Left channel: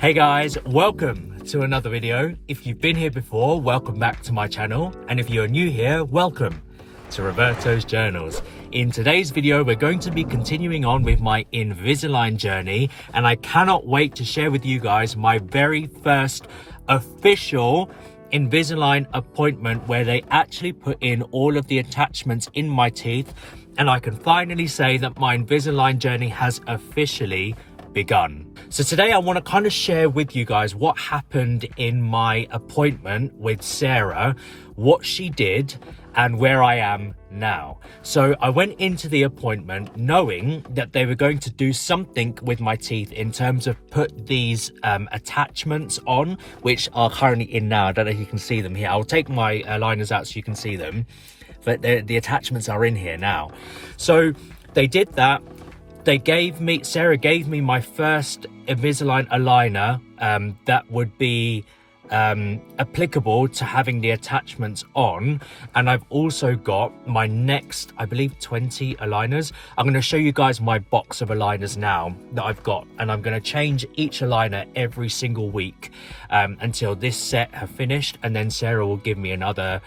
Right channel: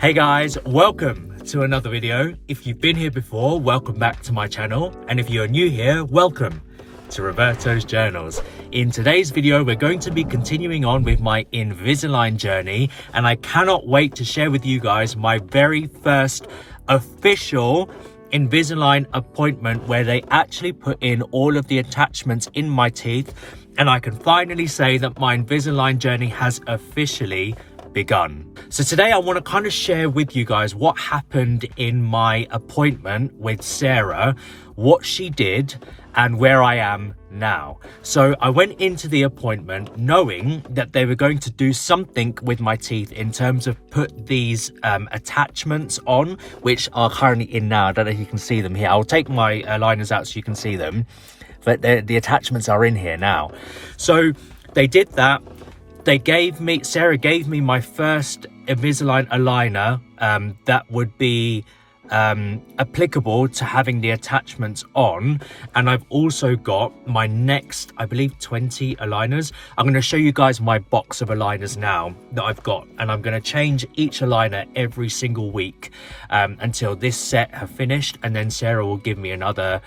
Hey guys, welcome to another video. If you've been here before, welcome back to my channel. And if you're new here, welcome to Roberto's Journals. In today's video, we're going to be continuing on with my Invisalign journey, and I cannot wait to share with you guys my very first official Invisalign appointment where they actually put in all of the attachments in my teeth, and I can finally say that my Invisalign journey has officially begun. So today I want to kind of share with you guys what happened in my appointment with Sarah, what she did, and where I am now. So I went into the appointment knowing that they were going to do something with my teeth in terms of put these attachments on, which are currently in now. I don't know if you can see them here. I'll take my aligners out so you can see them, but the attachments are in here now. So they did that. Sarah gave me my first Invisalign aligner that would be applicable to having the attachments on, and I've also got my next, I believe, 20 aligners. I'm going to show you guys my box of aligners now that I've got, and I'm going to change each aligner every single week until this set have finished, and then Sarah will give me another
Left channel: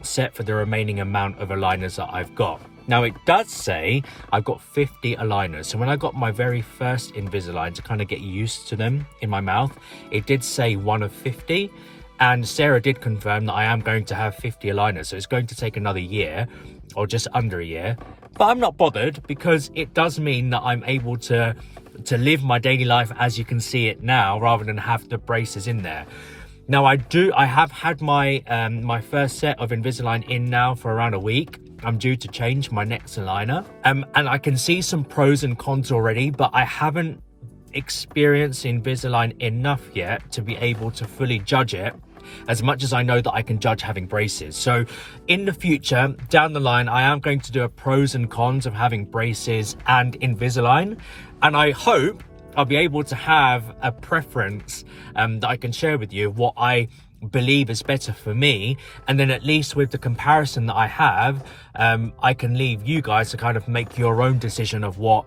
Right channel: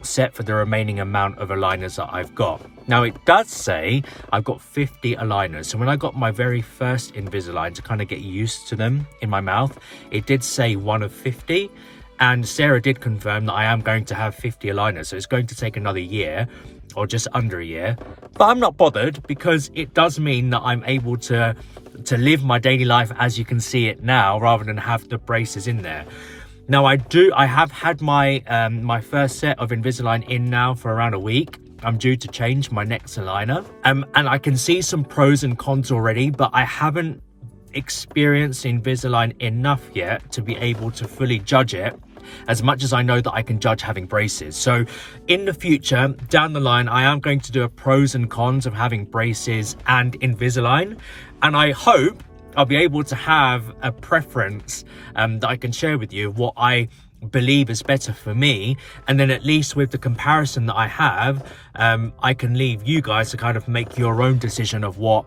set for the remaining amount of aligners that I've got. Now it does say I've got 50 aligners, so when I got my very first Invisalign to kind of get used to them in my mouth, it did say 1 of 50, and Sarah did confirm that I am going to have 50 aligners, so it's going to take another year or just under a year, but I'm not bothered because it does mean that I'm able to live my daily life as you can see it now, rather than have the braces in there. Now I have had my my first set of Invisalign in now for around a week. I'm due to change my next aligner, and I can see some pros and cons already, but I haven't experienced Invisalign enough yet to be able to fully judge it, as much as I know that I can judge having braces. So in the future, down the line, I am going to do a pros and cons of having braces and Invisalign, and I hope I'll be able to have a preference that I can share with you, what I believe is better for me, and then at least with the comparison that I have, I can leave you guys to kind of make your own decision of what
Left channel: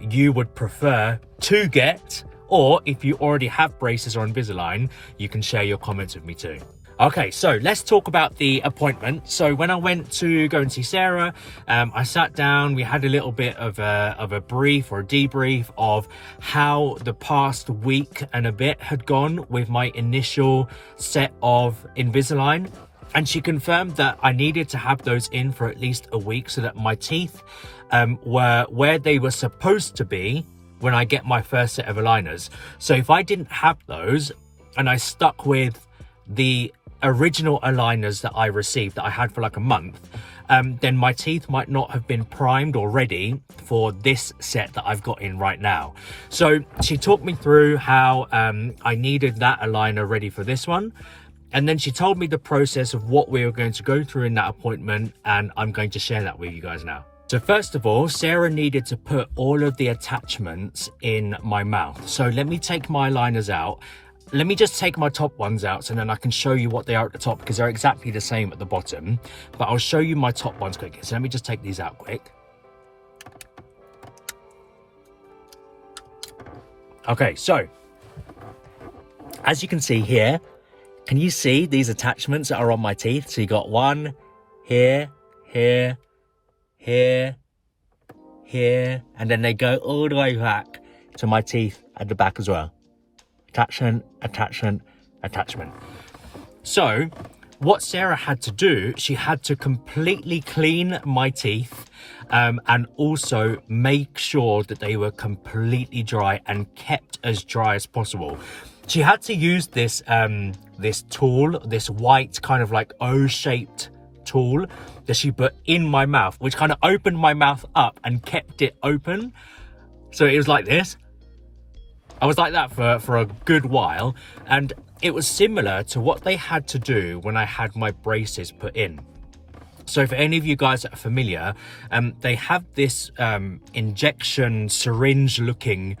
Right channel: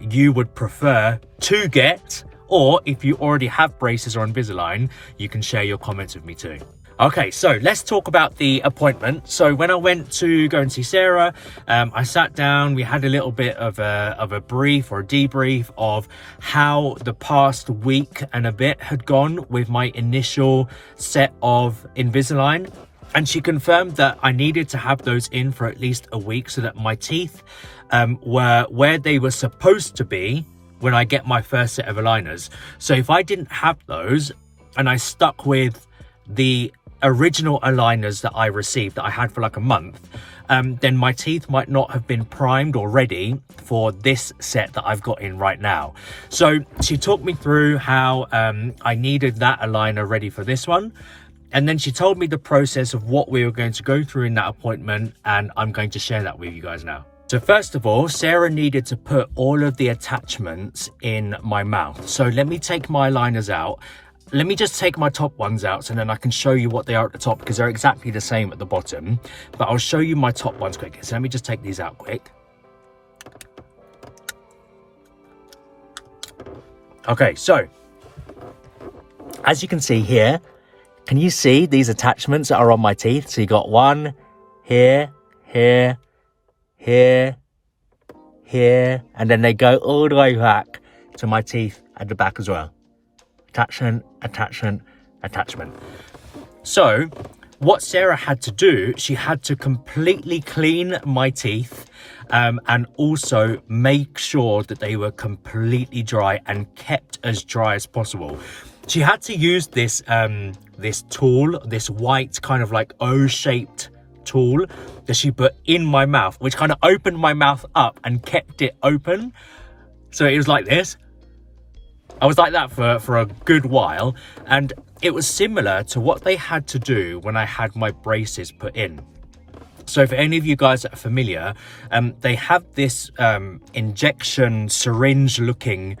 you would prefer to get, or if you already have braces or Invisalign, you can share your comments with me too. Okay, so let's talk about the appointment. So when I went to go and see Sarah, I sat down, we had a little bit of a brief or a debrief of how the past week and a bit had gone with my initial set of Invisalign. And she confirmed that I needed to have those in for at least a week so that my teeth were where they were supposed to be when I get my first set of aligners. So if I didn't have those and I stuck with the original aligners that I received that I had for like a month, then my teeth might not have been primed or ready for this set that I've got in right now. So she talked me through how I needed that aligner ready for this one, and then she told me the process of what we were going to go through in that appointment, and I'm going to share that with you guys now. So first of all, Sarah needed to put all of the attachments in my mouth. So let me take my aligners out. Let me just take my top ones out so then I can show you what they are at the top, because they're exactly the same at the bottom. But I'll show you my top ones quick. So let me just take these out quick. Okay, so as you can see here, can you see these attachments that are on my teeth? So you got one here, here, here, here, and then they go all the way back to my teeth at the back as well. Attachment, attachment, attachment. So what Sarah had to do, she had to completely clean my teeth and also make sure that they were completely dry and kept as dry as possible. She had to use this this tool, this white kind of like O-shaped tool that she put in my mouth, which kind of opened my mouth up and kept it open. So it was like this. I was like that for a good while, and it was similar to what they had to do when I had my braces put in. So for any of you guys that are familiar, they have this injection syringe looking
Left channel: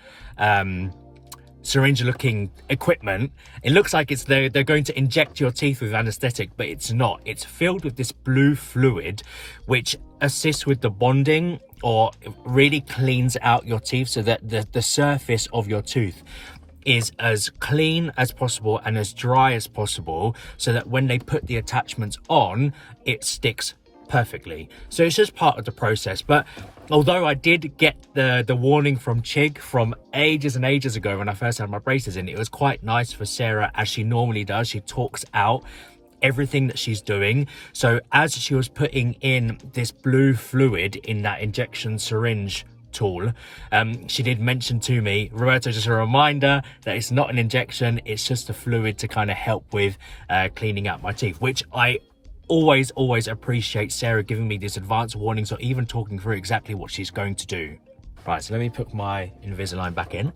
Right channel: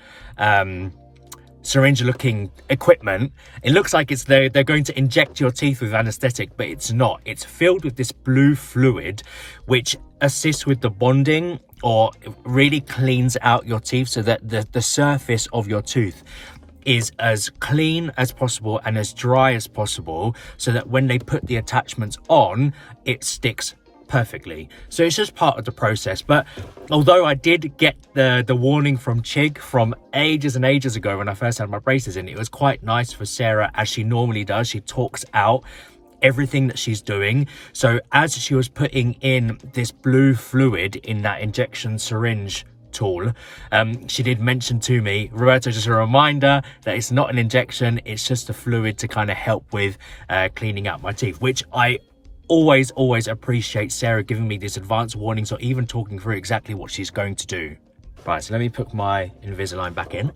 equipment. It looks like they're going to inject your teeth with anesthetic, but it's not. It's filled with this blue fluid which assists with the bonding, or really cleans out your teeth so that the surface of your tooth is as clean as possible and as dry as possible, so that when they put the attachments on, it sticks perfectly. So it's just part of the process. But although I did get the warning from Chig from ages and ages ago when I first had my braces in, it was quite nice for Sarah, as she normally does. She talks out everything that she's doing. So as she was putting in this blue fluid in that injection syringe tool, she did mention to me, Roberto, just a reminder that it's not an injection, it's just a fluid to kind of help with cleaning out my teeth, which I always appreciate Sarah giving me these advanced warnings or even talking through exactly what she's going to do. Right, so let me put my Invisalign back in.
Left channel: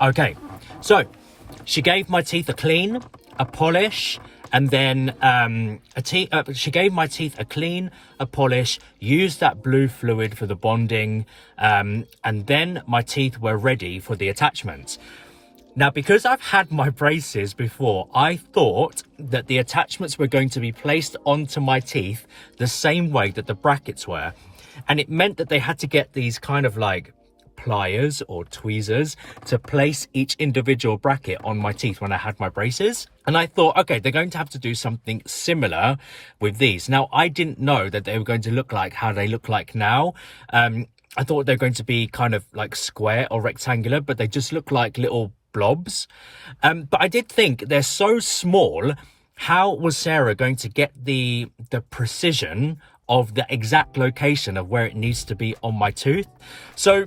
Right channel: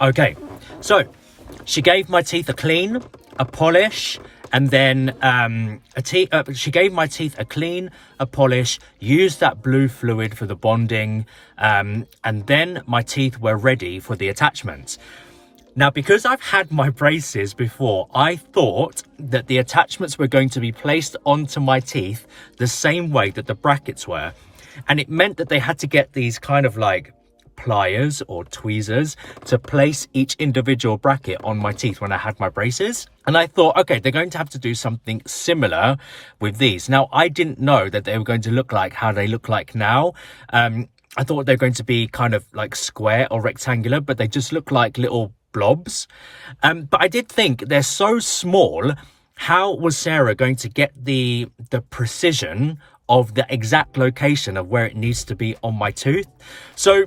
Okay, so she gave my teeth a clean, a polish, and then she gave my teeth a clean, a polish, used that blue fluid for the bonding, and then my teeth were ready for the attachments. Now, because I've had my braces before, I thought that the attachments were going to be placed onto my teeth the same way that the brackets were. And it meant that they had to get these kind of like pliers or tweezers to place each individual bracket on my teeth when I had my braces. And I thought, okay, they're going to have to do something similar with these. Now, I didn't know that they were going to look like how they look like now. I thought they're going to be kind of like square or rectangular, but they just look like little blobs. But I did think they're so small. How was Sarah going to get the precision of the exact location of where it needs to be on my tooth? So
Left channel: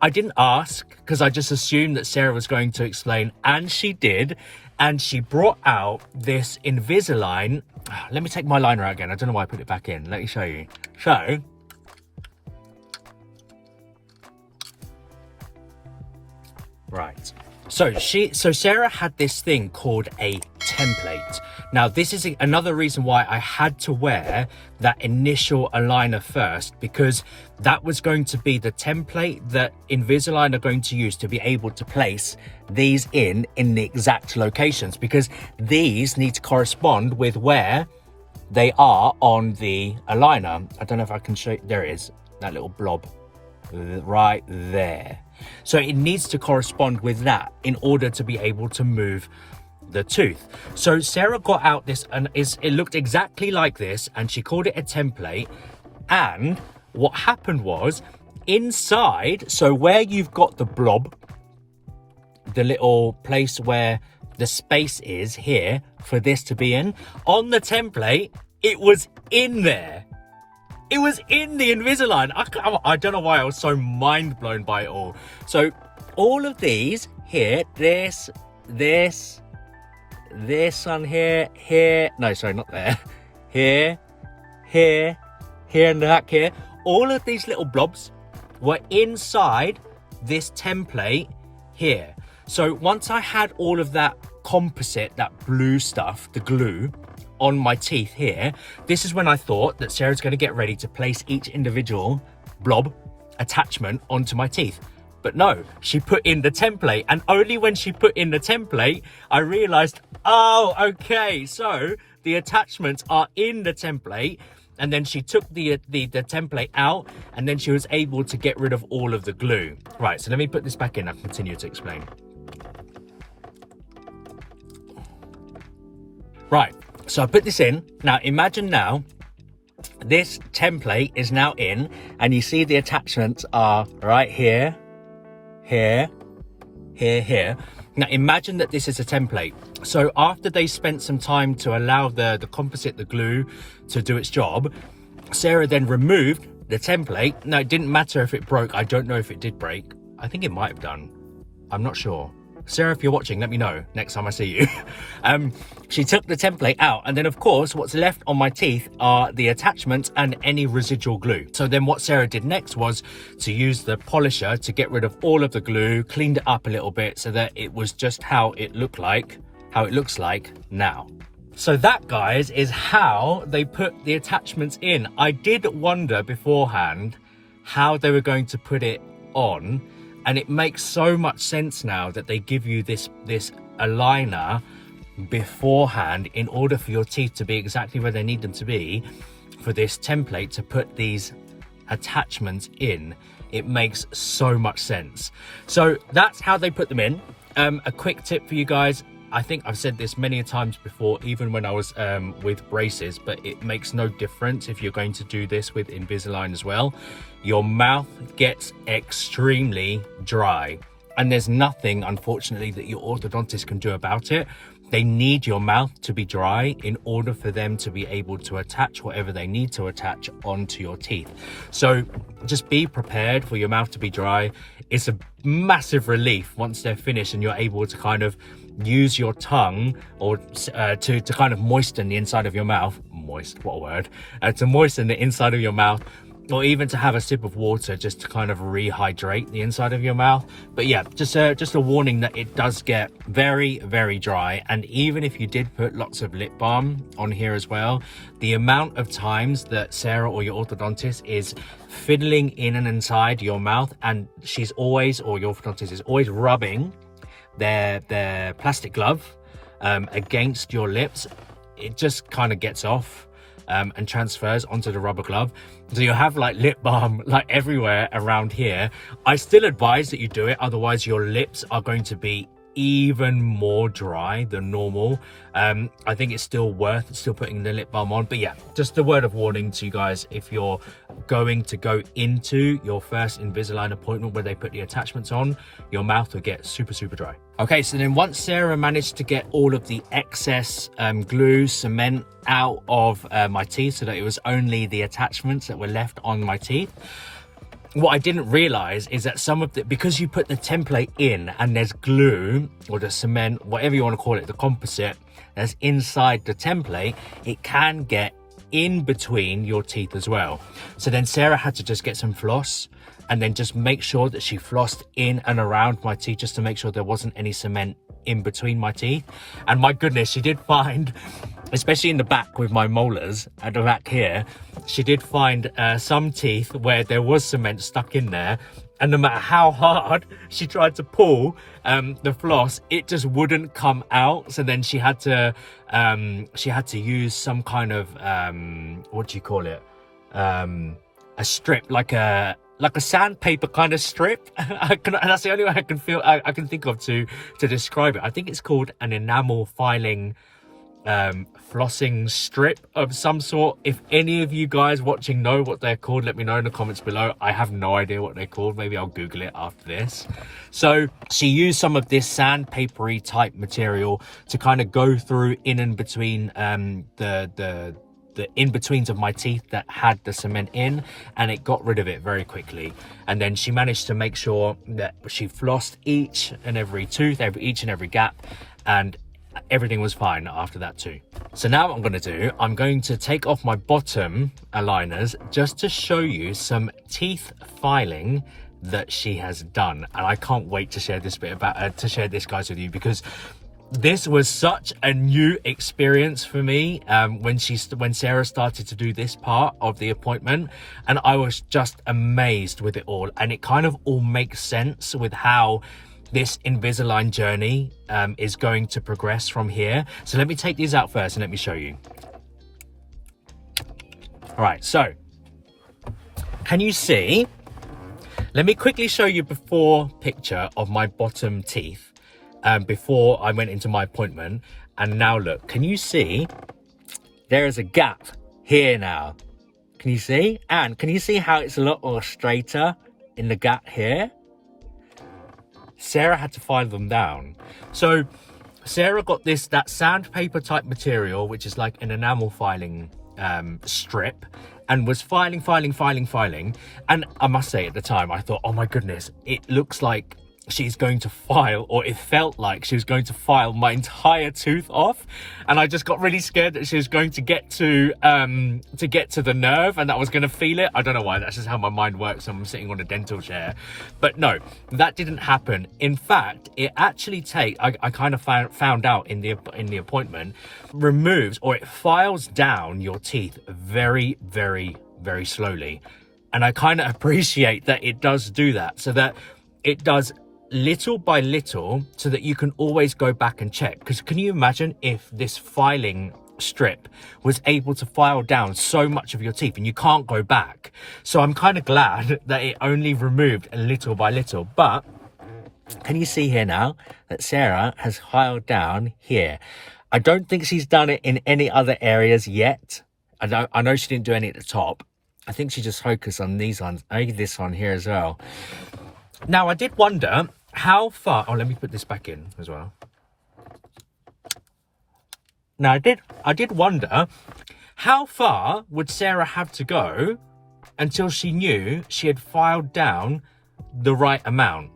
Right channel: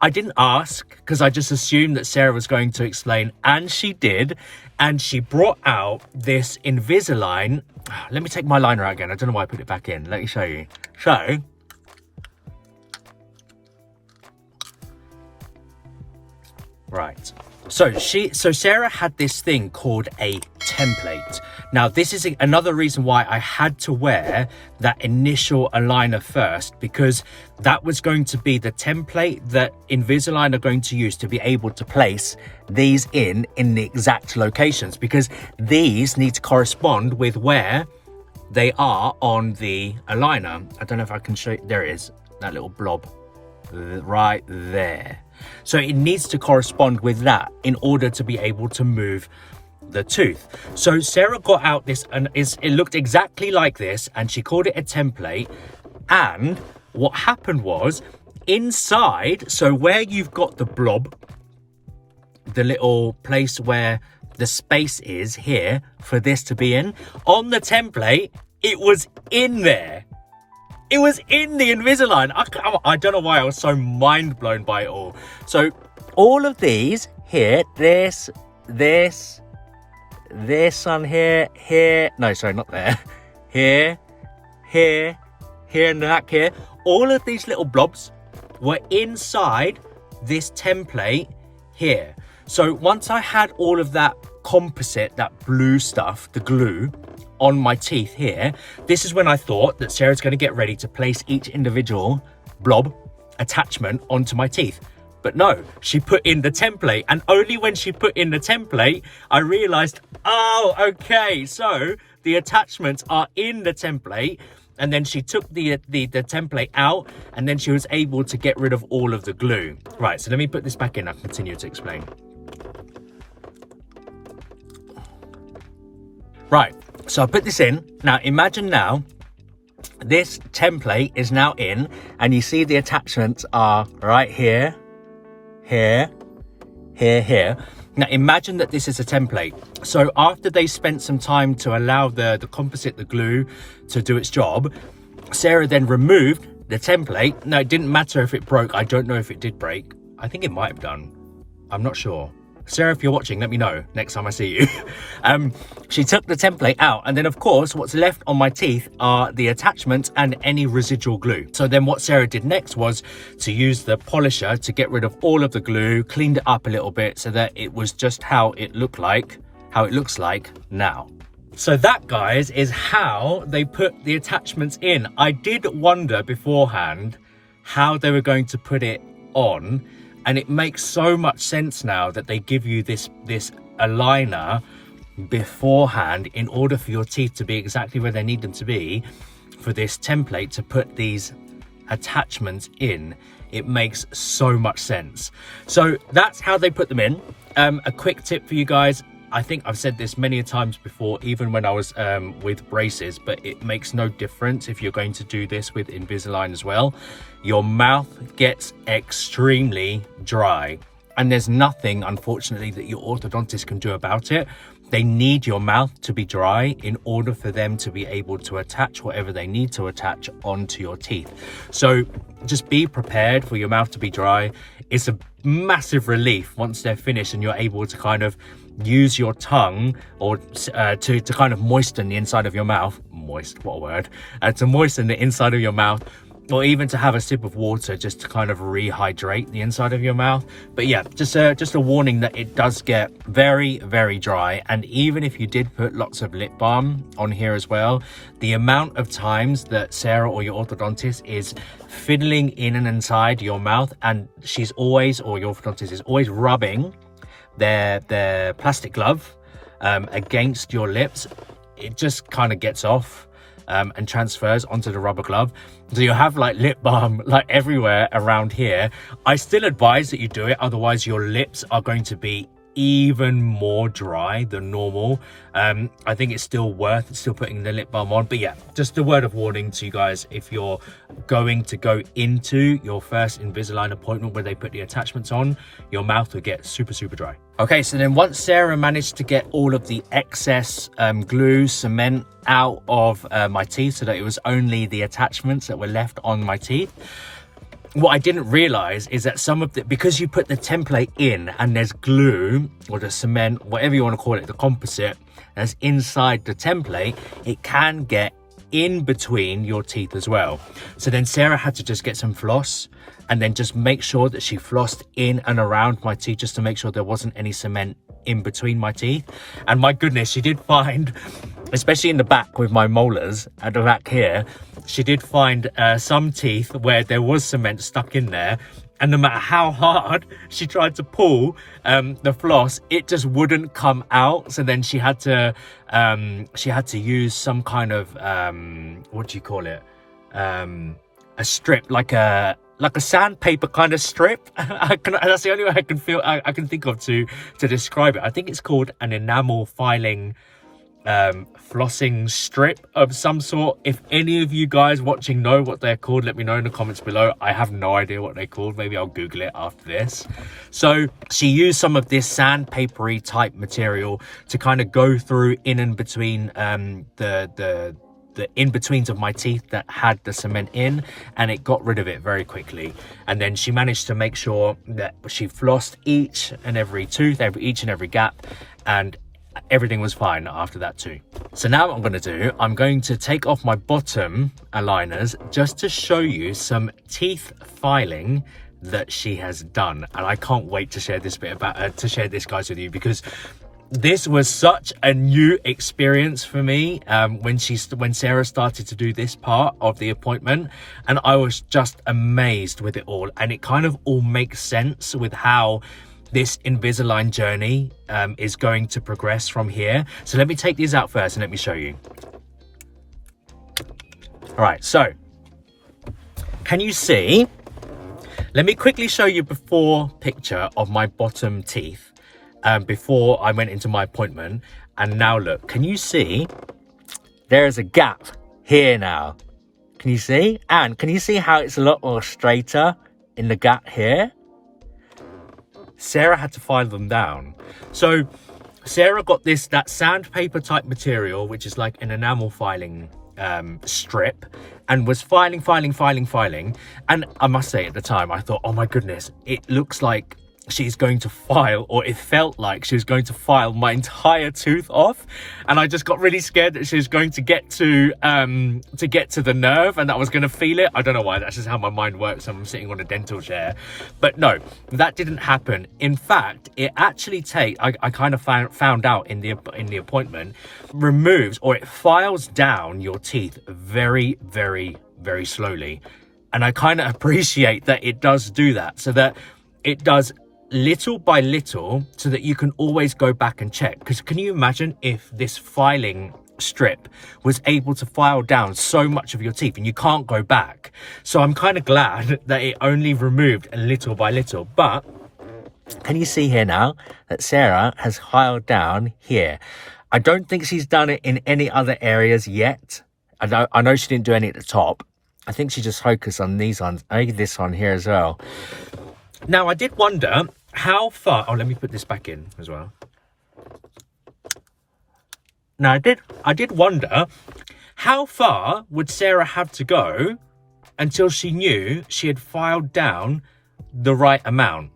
I didn't ask, because I just assumed that Sarah was going to explain, and she did. And she brought out this Invisalign. Let me take my liner out again. I don't know why I put it back in. Let me show you. So right. So Sarah had this thing called a template. Now, this is another reason why I had to wear that initial aligner first, because that was going to be the template that Invisalign are going to use to be able to place these in the exact locations, because these need to correspond with where they are on the aligner. I don't know if I can show you. There it is, that little blob right there. So it needs to correspond with that in order to be able to move the tooth. So Sarah got out this, and it looked exactly like this, and she called it a template. And what happened was, inside, so where you've got the blob, the little place where the space is here for this to be in, on the template, it was in there. It was in the Invisalign. I don't know why I was so mind blown by it all. So all of these here, this on here, no, sorry, not there, here, and back here, all of these little blobs were inside this template here. So once I had all of that composite, that blue stuff, the glue, on my teeth here, this is when I thought that Sarah's going to get ready to place each individual blob attachment onto my teeth. But no, she put in the template, and only when she put in the template, I realized, oh, okay, so the attachments are in the template. And then she took the template out, and then she was able to get rid of all of the glue. Right, so let me put this back in. I'll continue to explain. Right, so I put this in. Now, imagine now, this template is now in, and you see the attachments are right here, here, here, here. Now, imagine that this is a template. So after they spent some time to allow the composite, the glue, to do its job, Sarah then removed the template. Now, it didn't matter if it broke. I don't know if it did break. I think it might have done. I'm not sure. Sarah, if you're watching, let me know next time I see you. She took the template out, and then of course what's left on my teeth are the attachments and any residual glue. So then what Sarah did next was to use the polisher to get rid of all of the glue, cleaned it up a little bit so that it was just how it looks like now. So that, guys, is how they put the attachments in. I did wonder beforehand how they were going to put it on, and it makes so much sense now that they give you this aligner beforehand in order for your teeth to be exactly where they need them to be, for this template to put these attachments in, it makes so much sense. So that's how they put them in. A quick tip for you guys. I think I've said this many times before, even when I was with braces, but it makes no difference if you're going to do this with Invisalign as well. Your mouth gets extremely dry, and there's nothing, unfortunately, that your orthodontist can do about it. They need your mouth to be dry in order for them to be able to attach whatever they need to attach onto your teeth. So just be prepared for your mouth to be dry. It's a massive relief once they're finished and you're able to kind of use your tongue or to kind of moisten the inside of your mouth. Moist, what a word. To moisten the inside of your mouth, or even to have a sip of water just to kind of rehydrate the inside of your mouth. But yeah, just a warning that it does get very, very dry. And even if you did put lots of lip balm on here as well, the amount of times that Sarah or your orthodontist is fiddling in and inside your mouth, and she's always, or your orthodontist is always rubbing their plastic glove against your lips, it just kind of gets off and transfers onto the rubber glove. So you'll have like lip balm like everywhere around here. I still advise that you do it, otherwise your lips are going to be even more dry than normal. I think it's still worth putting the lip balm on. But yeah, just a word of warning to you guys, if you're going to go into your first Invisalign appointment where they put the attachments on, your mouth will get super, super dry. Okay, so then once Sarah managed to get all of the excess glue, cement out of my teeth so that it was only the attachments that were left on my teeth, what I didn't realize is that some of the, because you put the template in and there's glue or the cement, whatever you want to call it, the composite that's inside the template, it can get in between your teeth as well. So then Sarah had to just get some floss and then just make sure that she flossed in and around my teeth just to make sure there wasn't any cement in between my teeth. And my goodness, she did find, especially in the back with my molars at the back here, she did find some teeth where there was cement stuck in there, and no matter how hard she tried to pull the floss, it just wouldn't come out. So then she had to use some kind of what do you call it, a strip, like a sandpaper kind of strip. That's the only way I can think of to describe it. I think it's called an enamel filing flossing strip of some sort. If any of you guys watching know what they're called, let me know in the comments below. I have no idea what they're called. Maybe I'll Google it after this. So she used some of this sandpapery type material to kind of go through in and between the in-betweens of my teeth that had the cement in, and it got rid of it very quickly. And then she managed to make sure that she flossed each and every tooth, each and every gap, and everything was fine after that too. So now what I'm going to take off my bottom aligners just to show you some teeth filing that she has done. And I can't wait to share this guys with you, because this was such a new experience for me when Sarah started to do this part of the appointment, and I was just amazed with it all. And it kind of all makes sense with how this Invisalign journey is going to progress from here. So let me take these out first and let me show you. All right, so can you see? Let me quickly show you before picture of my bottom teeth before I went into my appointment. And now look, can you see? There is a gap here now. Can you see? And can you see how it's a lot more straighter in the gap here? Sarah had to file them down. So Sarah got that sandpaper type material, which is like an enamel filing strip, and was filing. And I must say, at the time I thought, oh my goodness, it looks like she's going to file, or it felt like she was going to file my entire tooth off. And I just got really scared that she was going to get to the nerve and that I was going to feel it. I don't know why, that's just how my mind works when I'm sitting on a dental chair. But no, that didn't happen. In fact, it actually I kind of found out in the appointment, removes, or it files down your teeth very, very, very slowly. And I kind of appreciate that it does do that, so that it does little by little, so that you can always go back and check. Because can you imagine if this filing strip was able to file down so much of your teeth and you can't go back. So I'm kind of glad that it only removed a little by little. But can you see here now that Sarah has filed down here? I don't think she's done it in any other areas yet. I know she didn't do any at the top. I think she just focused on these ones. I think this one here as well. Now, I did wonder how far... Oh, let me put this back in as well. Now, I did wonder how far would Sarah have to go until she knew she had filed down the right amount.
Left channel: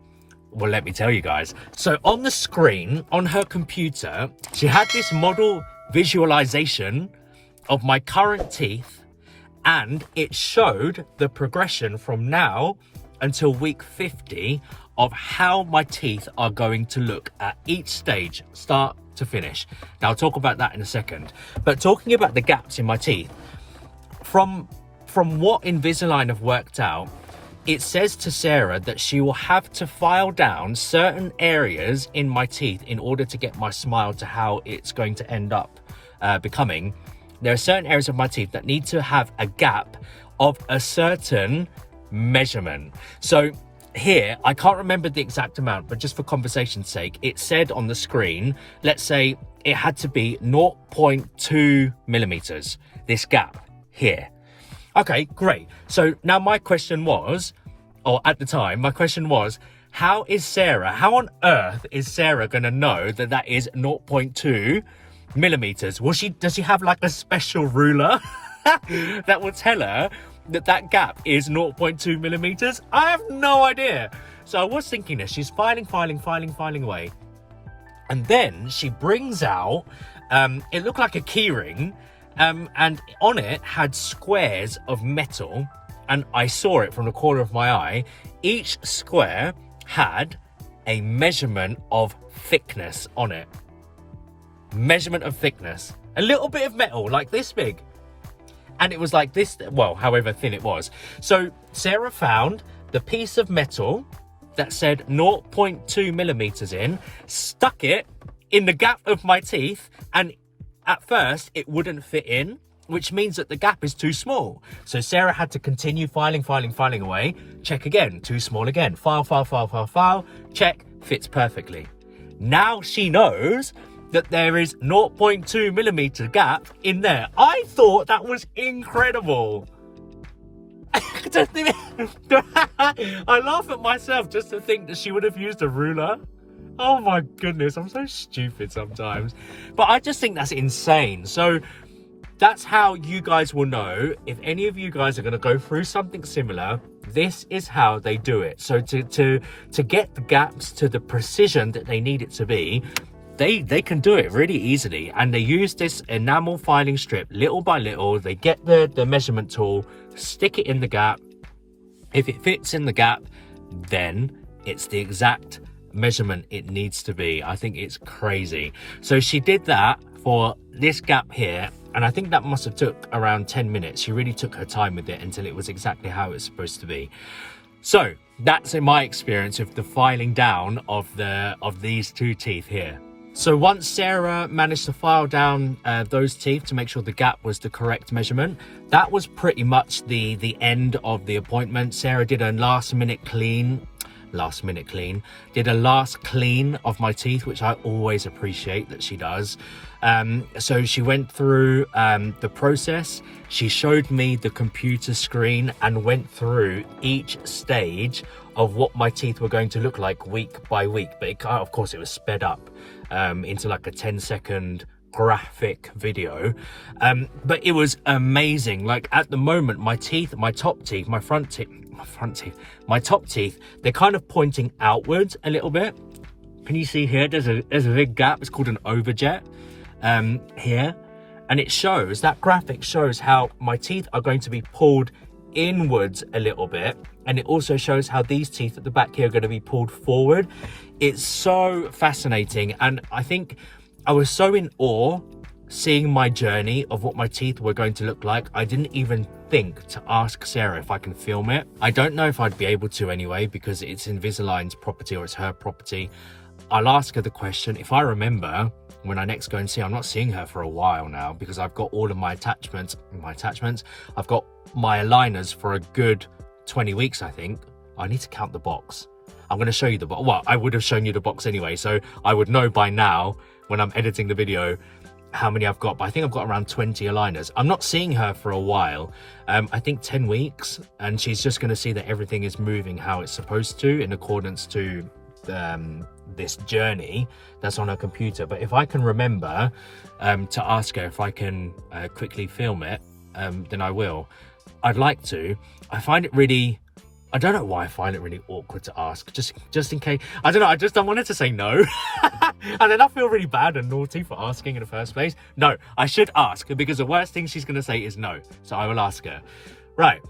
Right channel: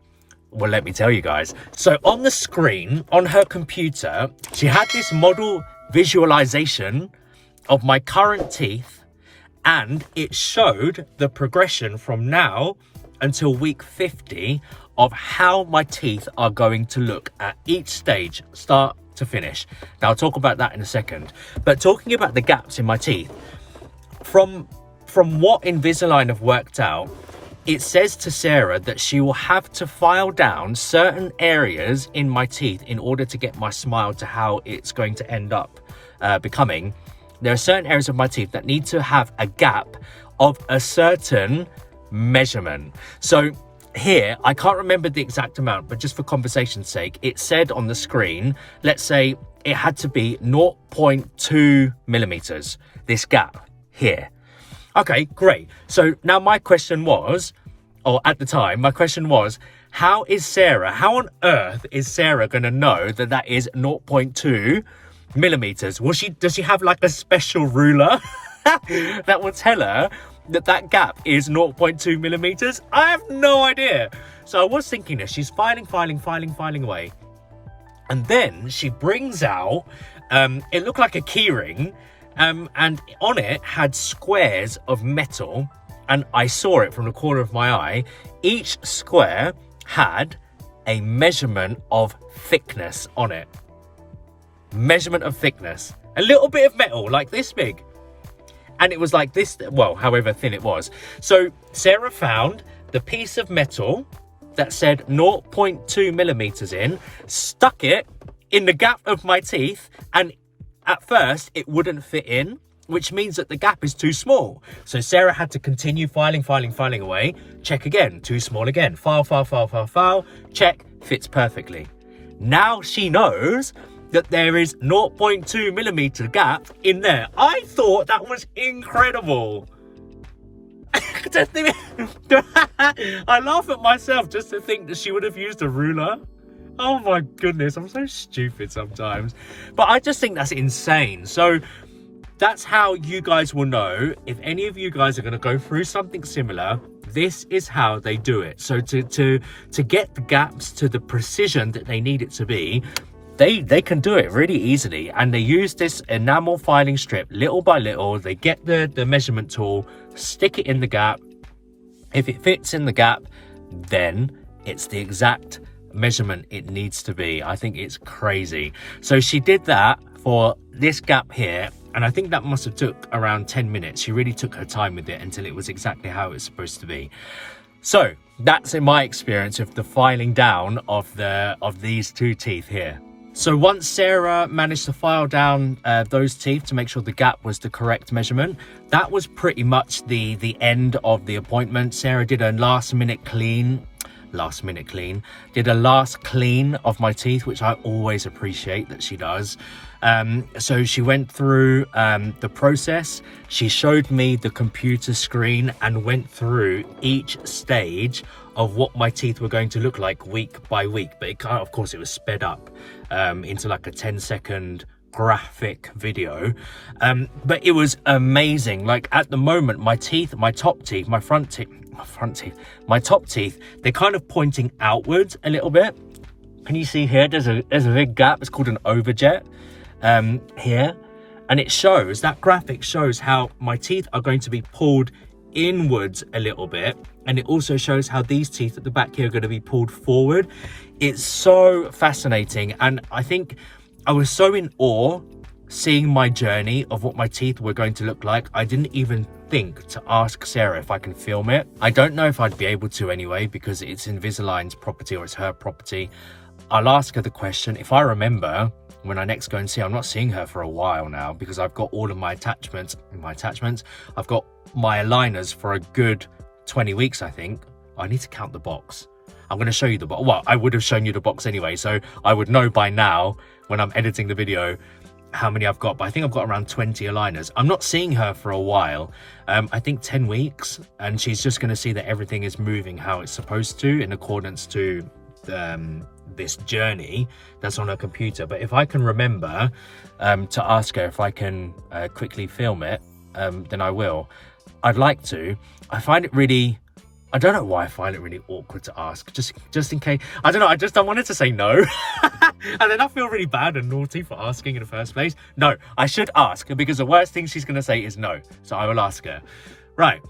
Well, let me tell you guys. So on the screen, on her computer, she had this model visualization of my current teeth, and it showed the progression from now until week 50 of how my teeth are going to look at each stage, start to finish. Now, I'll talk about that in a second. But talking about the gaps in my teeth, from what Invisalign have worked out, it says to Sarah that she will have to file down certain areas in my teeth in order to get my smile to how it's going to end up becoming. There are certain areas of my teeth that need to have a gap of a certain measurement. So here, I can't remember the exact amount, but just for conversation's sake, it said on the screen, let's say it had to be 0.2 millimeters, this gap here. Okay, great. So now my question was, or at the time, my question was, how on earth is Sarah going to know that that is 0.2 millimeters? Does she have like a special ruler that will tell her that that gap is 0.2 millimeters? I have no idea. So I was thinking that she's filing away. And then she brings out, it looked like a key ring, and on it had squares of metal, and I saw it from the corner of my eye. Each square had a measurement of thickness on it. Measurement of thickness. A little bit of metal, like this big. And it was like this, well, however thin it was. So Sarah found the piece of metal that said 0.2 millimeters in, stuck it in the gap of my teeth, and at first it wouldn't fit in, which means that the gap is too small. So Sarah had to continue filing away, check again, too small again, file, check, fits perfectly. Now she knows that there is 0.2 millimeter gap in there. I thought that was incredible. I laugh at myself just to think that she would have used a ruler. Oh my goodness, I'm so stupid sometimes. But I just think that's insane. So that's how you guys will know if any of you guys are going to go through something similar. This is how they do it. So to get the gaps to the precision that they need it to be, they can do it really easily. And they use this enamel filing strip little by little. They get the measurement tool, stick it in the gap. If it fits in the gap, then it's the exact measurement it needs to be. I think it's crazy. So she did that for this gap here, and I think that must have took around 10 minutes. She really took her time with it until it was exactly how it's supposed to be. So that's in my experience of the filing down of these two teeth here. So once Sarah managed to file down those teeth to make sure the gap was the correct measurement, that was pretty much the end of the appointment. Sarah did a last clean of my teeth, which I always appreciate that she does. So she went through the process. She showed me the computer screen and went through each stage of what my teeth were going to look like week by week. But of course it was sped up into like a 10-second graphic video. But it was amazing. Like at the moment, my teeth, my top teeth, my top teeth, they're kind of pointing outwards a little bit. Can you see here? There's a big gap. It's called an overjet here. And it shows, that graphic shows how my teeth are going to be pulled inwards a little bit. And it also shows how these teeth at the back here are going to be pulled forward. It's so fascinating. And I think I was so in awe seeing my journey of what my teeth were going to look like. I didn't even think to ask Sarah if I can film it. I don't know if I'd be able to anyway, because it's Invisalign's property, or it's her property. I'll ask her the question. If I remember, when I next go and see her, I'm not seeing her for a while now because I've got all of my attachments. I've got my aligners for a good 20 weeks, I think. I need to count the box. I'm going to show you the box. Well, I would have shown you the box anyway, so I would know by now when I'm editing the video how many I've got. But I think I've got around 20 aligners. I'm not seeing her for a while. I think 10 weeks, and she's just going to see that everything is moving how it's supposed to in accordance to this journey that's on her computer. But if I can remember to ask her if I can quickly film it, then I will. I'd like to. I find it really, I don't know why I find it really awkward to ask, just in case. I don't know, I just don't want her to say no. And then I feel really bad and naughty for asking in the first place. No, I should ask, because the worst thing she's going to say is no. So I will ask her. Right.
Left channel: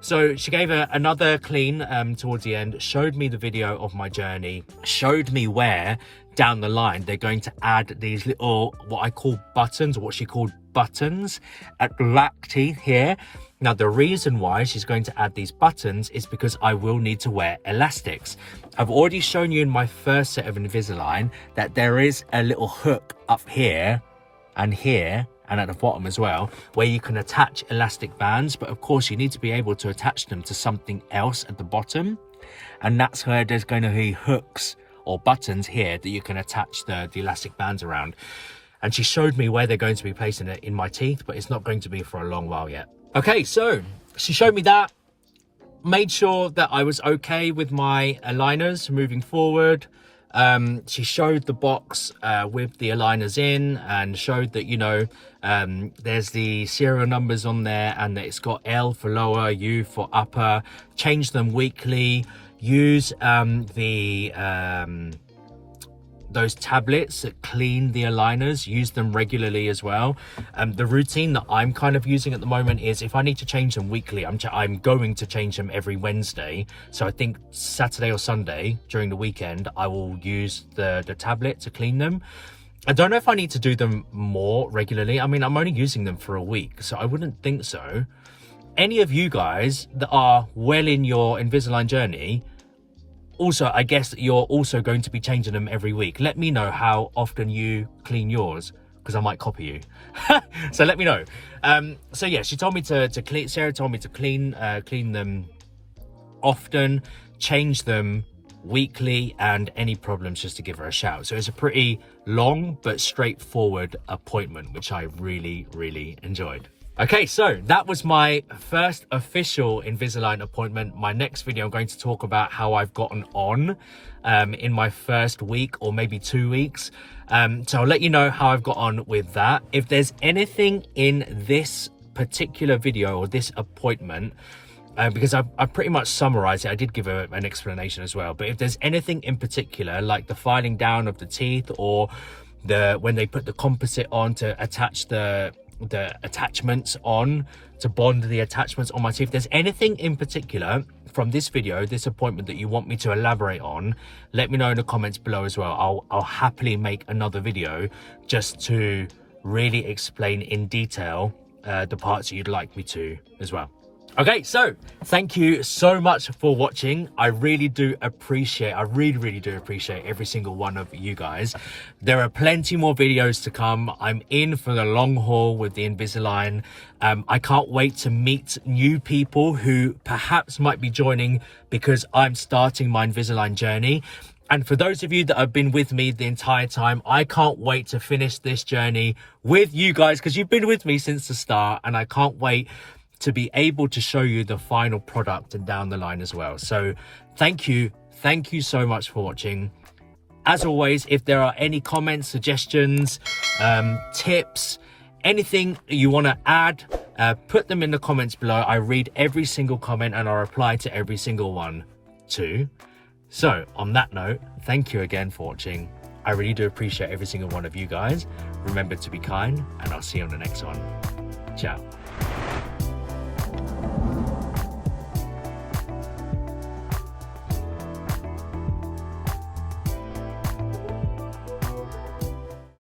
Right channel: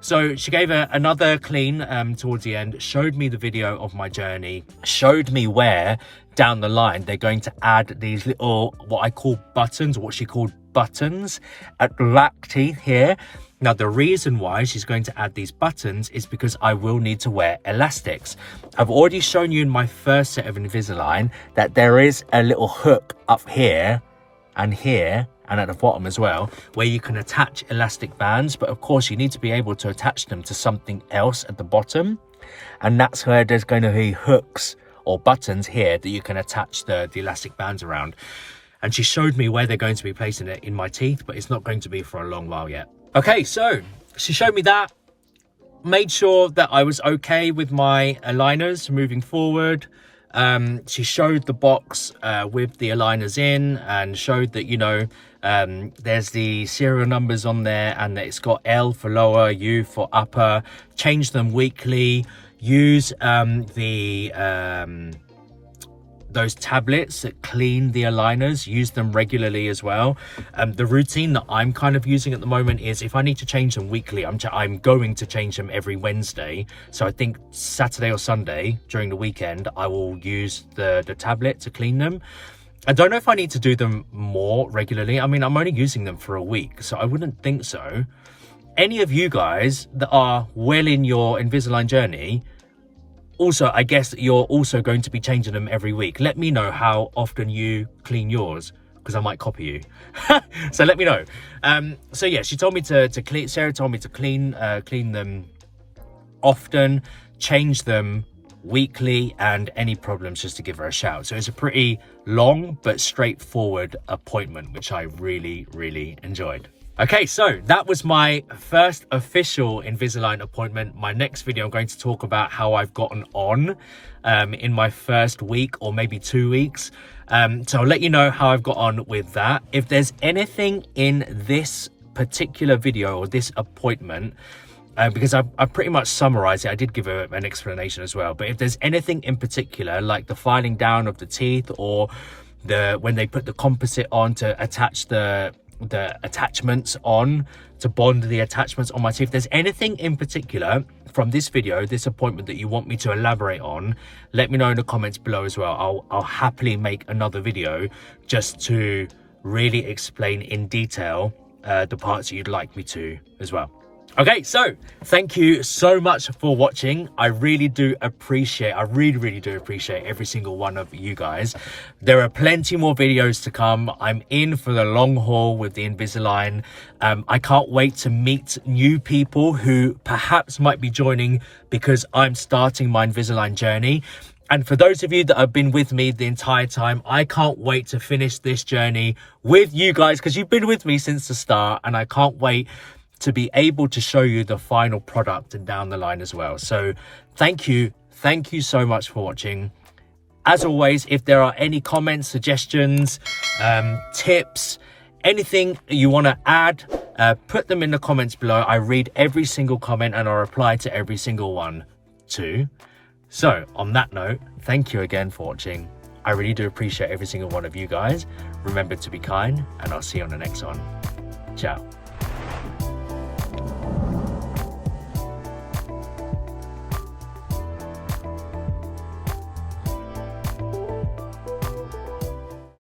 So she gave her another clean towards the end, showed me the video of my journey, showed me where down the line they're going to add these little, what I call buttons, or what she called buttons at the back teeth here. Now, the reason why she's going to add these buttons is because I will need to wear elastics. I've already shown you in my first set of Invisalign that there is a little hook up here and at the bottom as well, where you can attach elastic bands. But of course, you need to be able to attach them to something else at the bottom. And that's where there's going to be hooks or buttons here that you can attach the elastic bands around. And she showed me where they're going to be placing it in my teeth, but it's not going to be for a long while yet. Okay, so she showed me that, made sure that I was okay with my aligners moving forward. She showed the box with the aligners in and showed that, you know, there's the serial numbers on there and that it's got L for lower, U for upper. Change them weekly. Use those tablets that clean the aligners, use them regularly as well. The routine that I'm kind of using at the moment is if I need to change them weekly, I'm going to change them every Wednesday. So I think Saturday or Sunday during the weekend, I will use the tablet to clean them. I don't know if I need to do them more regularly. I mean, I'm only using them for a week, so I wouldn't think so. Any of you guys that are well in your Invisalign journey, also, I guess you're also going to be changing them every week. Let me know how often you clean yours, because I might copy you. So let me know. So yeah, she told me to clean. Sarah told me to clean them often, change them weekly, and any problems just to give her a shout. So it's a pretty long but straightforward appointment, which I really, really enjoyed. Okay, so that was my first official Invisalign appointment. My next video, I'm going to talk about how I've gotten on in my first week or maybe 2 weeks. So I'll let you know how I've got on with that. If there's anything in this particular video or this appointment, because I pretty much summarized it, I did give an explanation as well. But if there's anything in particular, like the filing down of the teeth or when they put the composite on to attach the attachments on, to bond the attachments on my teeth, if there's anything in particular from this video, this appointment, that you want me to elaborate on, let me know in the comments below as well. I'll happily make another video just to really explain in detail the parts that you'd like me to as well. Okay, so thank you so much for watching. I really do appreciate, I really do appreciate every single one of you guys. There are plenty more videos to come. I'm in for the long haul with the Invisalign. I can't wait to meet new people who perhaps might be joining because I'm starting my Invisalign journey. And for those of you that have been with me the entire time, I can't wait to finish this journey with you guys, because you've been with me since the start, and I can't wait to be able to show you the final product and down the line as well. So thank you so much for watching. As always, if there are any comments, suggestions, tips, anything you want to add, put them in the comments below. I read every single comment and I reply to every single one too. So on that note, thank you again for watching. I really do appreciate every single one of you guys. Remember to be kind, and I'll see you on the next one. Ciao.